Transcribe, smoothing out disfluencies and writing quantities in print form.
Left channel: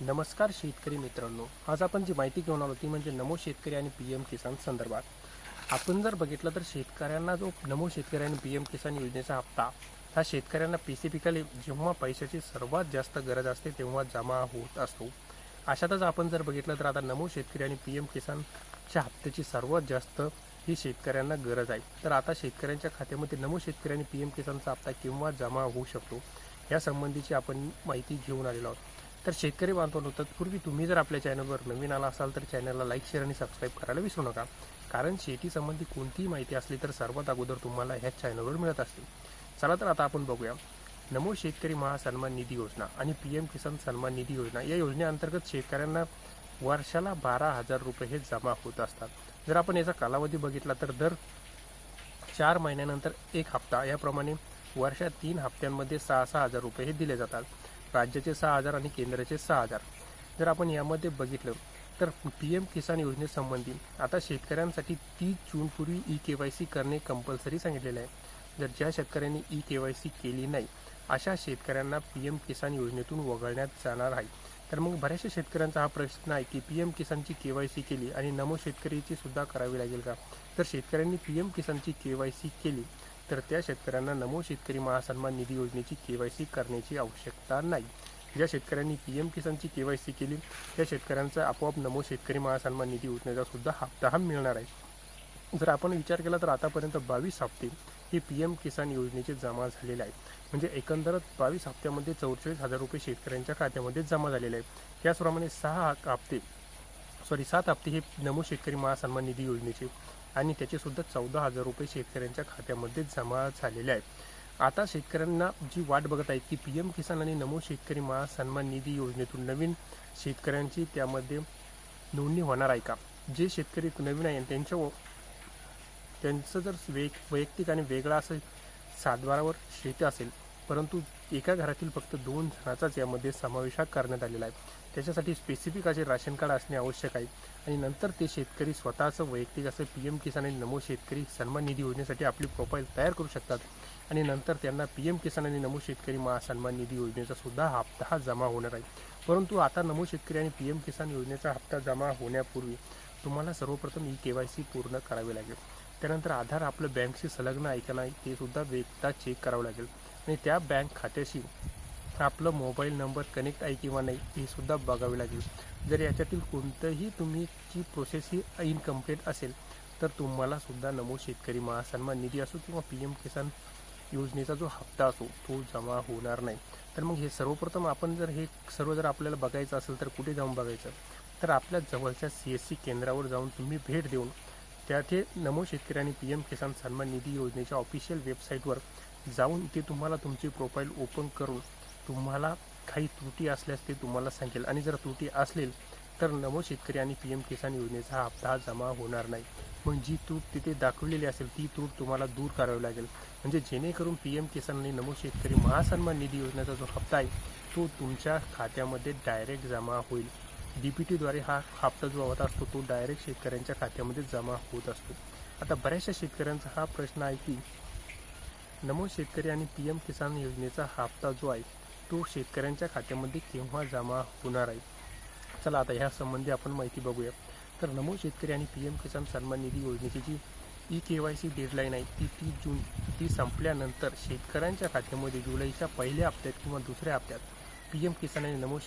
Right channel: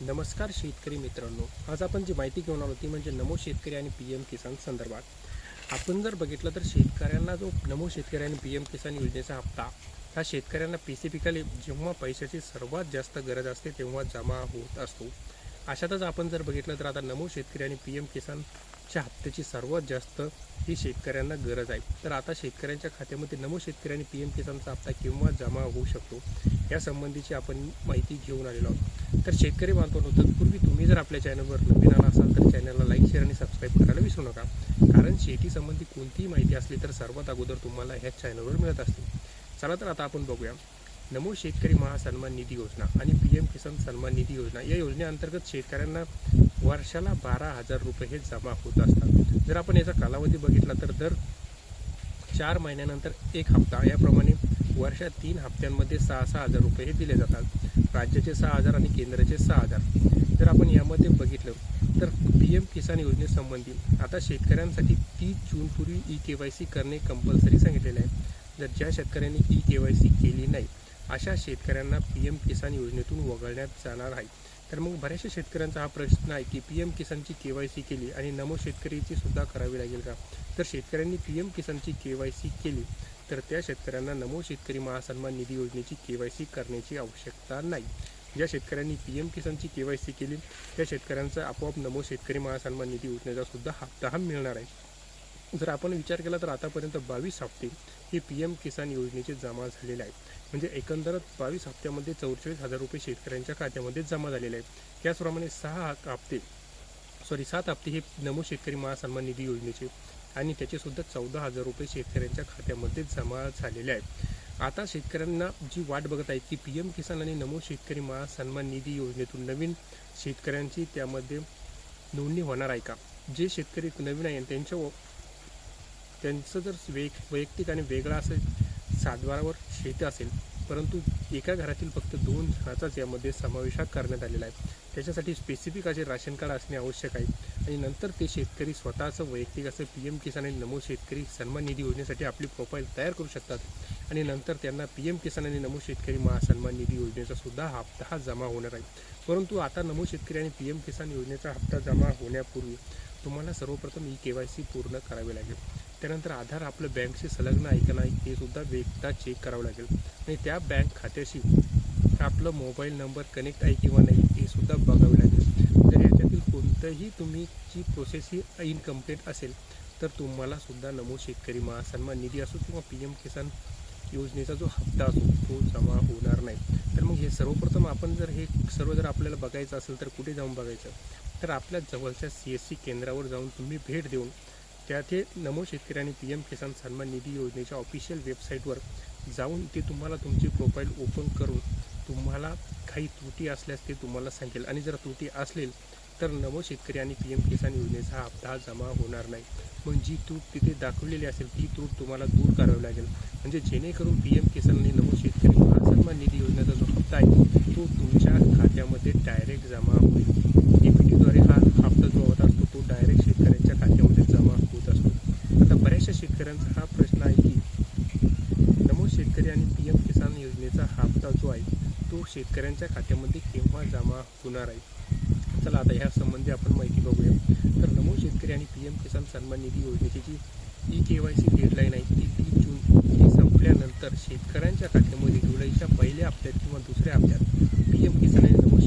नमस्कार शेतकरी मित्रांनो, आज आपण जी माहिती घेऊन आलो ती म्हणजे नमो शेतकरी आणि पी एम किसान संदर्भात. आपण जर बघितलं तर शेतकऱ्यांना जो नमो शेतकरी आणि पी एम किसान योजनेचा हप्ता हा शेतकऱ्यांना स्पेसिफिकली जेव्हा पैशाची सर्वात जास्त गरज असते तेव्हा जमा होत असतो. अशातच आपण जर बघितलं तर आता नमो शेतकरी आणि पी एम किसानच्या हप्त्याची सर्वात जास्त ही शेतकऱ्यांना गरज आहे. तर आता शेतकऱ्यांच्या खात्यामध्ये नमो शेतकरी आणि पी एम किसानचा हप्ता केव्हा जमा होऊ शकतो या संबंधीची आपण माहिती घेऊन आलेलो आहोत. तर शेतकरी बांधवांनो, तत्पूर्वी तुम्ही जर आपल्या चॅनलवर नवीन आला असाल तर चॅनलला लाईक, शेअर आणि सबस्क्राईब करायला विसरू नका. कारण शेती संबंधी कोणतीही माहिती असली तर सर्वात अगोदर तुम्हाला ह्याच चॅनलवर मिळत असते. चला तर आता आपण बघूया नमो शेतकरी महासन्मान निधी योजना आणि पी एम किसान सन्मान निधी योजना या योजनेअंतर्गत शेतकऱ्यांना वर्षाला 12,000 रुपये हे जमा होत असतात. जर आपण याचा कालावधी बघितला तर दर 4 महिन्यानंतर एक हप्ता याप्रमाणे वर्षात 3 हप्त्यांमध्ये 6,000 रुपये हे दिले जातात. राज्याचे 6,000 आणि केंद्राचे 6,000. जर आपण यामध्ये बघितलं तर पी एम किसान योजनेसंबंधी आता शेतकऱ्यांसाठी 30 जूनपूर्वी ई-KYC करणे कंपल्सरी सांगितलेले आहे. जर ज्या शेतकऱ्यांनी ई-KYC केली नाही अशा शेतकऱ्यांना पी एम किसान योजनेतून वगळण्यात जाणार आहे. तर मग बऱ्याचशा शेतकऱ्यांचा हा प्रश्न आहे की पी एम किसानची KYC केली आणि नमो शेतकरीची सुद्धा करावी लागेल का? तर शेतकऱ्यांनी पी एम किसानची KYC केली तर त्या शेतकऱ्यांना नमो शेतकरी महासन्मान निधी योजनेची KYC करण्याची आवश्यकता नाही. ज्या शेतकऱ्यांनी पी एम किसानची KYC केली त्या शेतकऱ्यांचा आपोआप नमो शेतकरी महासन्मान निधी योजनेचा सुद्धा हप्ता हा मिळणार आहे. जर आपण विचार केला तर आतापर्यंत 22 हप्ते हे पी एम किसान योजनेचे जमा झालेले आहेत. म्हणजे एकंदरच 22 हप्त्यामध्ये 44,000 रुपये शेतकऱ्यांच्या खात्यामध्ये जमा झालेले आहेत. त्याचप्रमाणे 7 हप्ते हे नमो शेतकरी महासन्मान निधी योजनेचे आणि त्याचे सुद्धा 14,000 रुपये शेतकऱ्यांच्या खात्यामध्ये जमा झालेले आहेत. आता शेतकऱ्यांना जी वाट बघत आहेत की पी एम किसान आणि नमो शेतकरी महासन्मान निधी योजनेतून नवीन शेतकऱ्यांची त्यामध्ये नोंदणी होणार आहे का? जे शेतकरी नवीन आहे त्यांचं जर वैयक्तिक आणि वेगळा असं सातबारावर शेती असेल परंतु एका घरातील फक्त 2 जणांचाच यामध्ये समावेश करण्यात आलेला आहे. त्याच्यासाठी स्पेसिफिक असे राशन कार्ड असणे आवश्यक आहे आणि नंतर ते शेतकरी स्वतःचं वैयक्तिक असं पी एम किसान आणि नमो शेतकरी सन्मान निधी योजनेसाठी आपली प्रोफाईल तयार करू शकतात आणि नंतर त्यांना पी एम किसान आणि नमो शेतकरी महासन्मान निधी योजनेचा सुद्धा हप्ता हा जमा होणार आहे. परंतु आता नमो शेतकरी आणि पी एम किसान योजनेचा हप्ता जमा होण्यापूर्वी तुम्हाला सर्वप्रथम ई-KYC पूर्ण करावे लागेल. त्यानंतर आधार आपलं बँकशी संलग्न आहे का नाही ते सुद्धा एकदा चेक करावं लागेल आणि त्या बँक खात्याशी आपलं मोबाईल नंबर कनेक्ट आहे किंवा नाही हे सुद्धा बघावे लागेल. जर याच्यातील कोणतंही तुमची प्रोसेस ही इनकम्प्लीट असेल तर तुम्हाला सुद्धा नमो शेतकरी महासन्मान निधी असो किंवा पी एम किसान योजनेचा जो हप्ता असो तो जमा होणार नाही. तर मग हे सर्वप्रथम आपण हे सर्व जर आपल्याला बघायचं असेल तर कुठे जाऊन बघायचं? तर आपल्या जवळच्या CSC केंद्रावर जाऊन तुम्ही भेट देऊन त्यात हे नमो शेतकरी आणि पी एम किसान सन्मान निधी योजनेच्या ऑफिशियल वेबसाईटवर जाऊन ते तुम्हाला तुमची प्रोफाईल ओपन करून तुम्हाला काही त्रुटी असल्यास ते तुम्हाला सांगेल आणि जर त्रुटी असलेल तर नमो शेतकरी आणि पी एम किसान योजनेचा हप्ता जमा होणार नाही. मग जी त्रूट तिथे दाखवलेली असेल ती त्रूट तुम्हाला दूर करावी लागेल. म्हणजे जेणेकरून पी एम किसान आणि नमो शेतकरी महासन्मान निधी योजनेचा जो हप्ता आहे तो तुमच्या खात्यामध्ये डायरेक्ट जमा होईल. DBTद्वारे हा हप्ता जो होत असतो तो डायरेक्ट शेतकऱ्यांच्या खात्यामध्ये जमा होत असतो. आता बऱ्याचशा शेतकऱ्यांचा हा प्रश्न आहे की नमो शेतकरी आणि पी एम किसान योजनेचा हप्ता जो आहे तो शेतकऱ्यांच्या खात्यामध्ये केव्हा जमा होणार आहे? चला आता ह्या संबंधी आपण माहिती बघूया. तर नमो शेतकरी आणि पी एम किसान सन्मान निधी योजनेची जी ई-KYC डेडलाईन आहे ती 30 जून ती संपल्यानंतर शेतकऱ्यांच्या खात्यामध्ये जुलैच्या पहिल्या हप्त्यात किंवा दुसऱ्या हप्त्यात पी एम किसान आणि नमो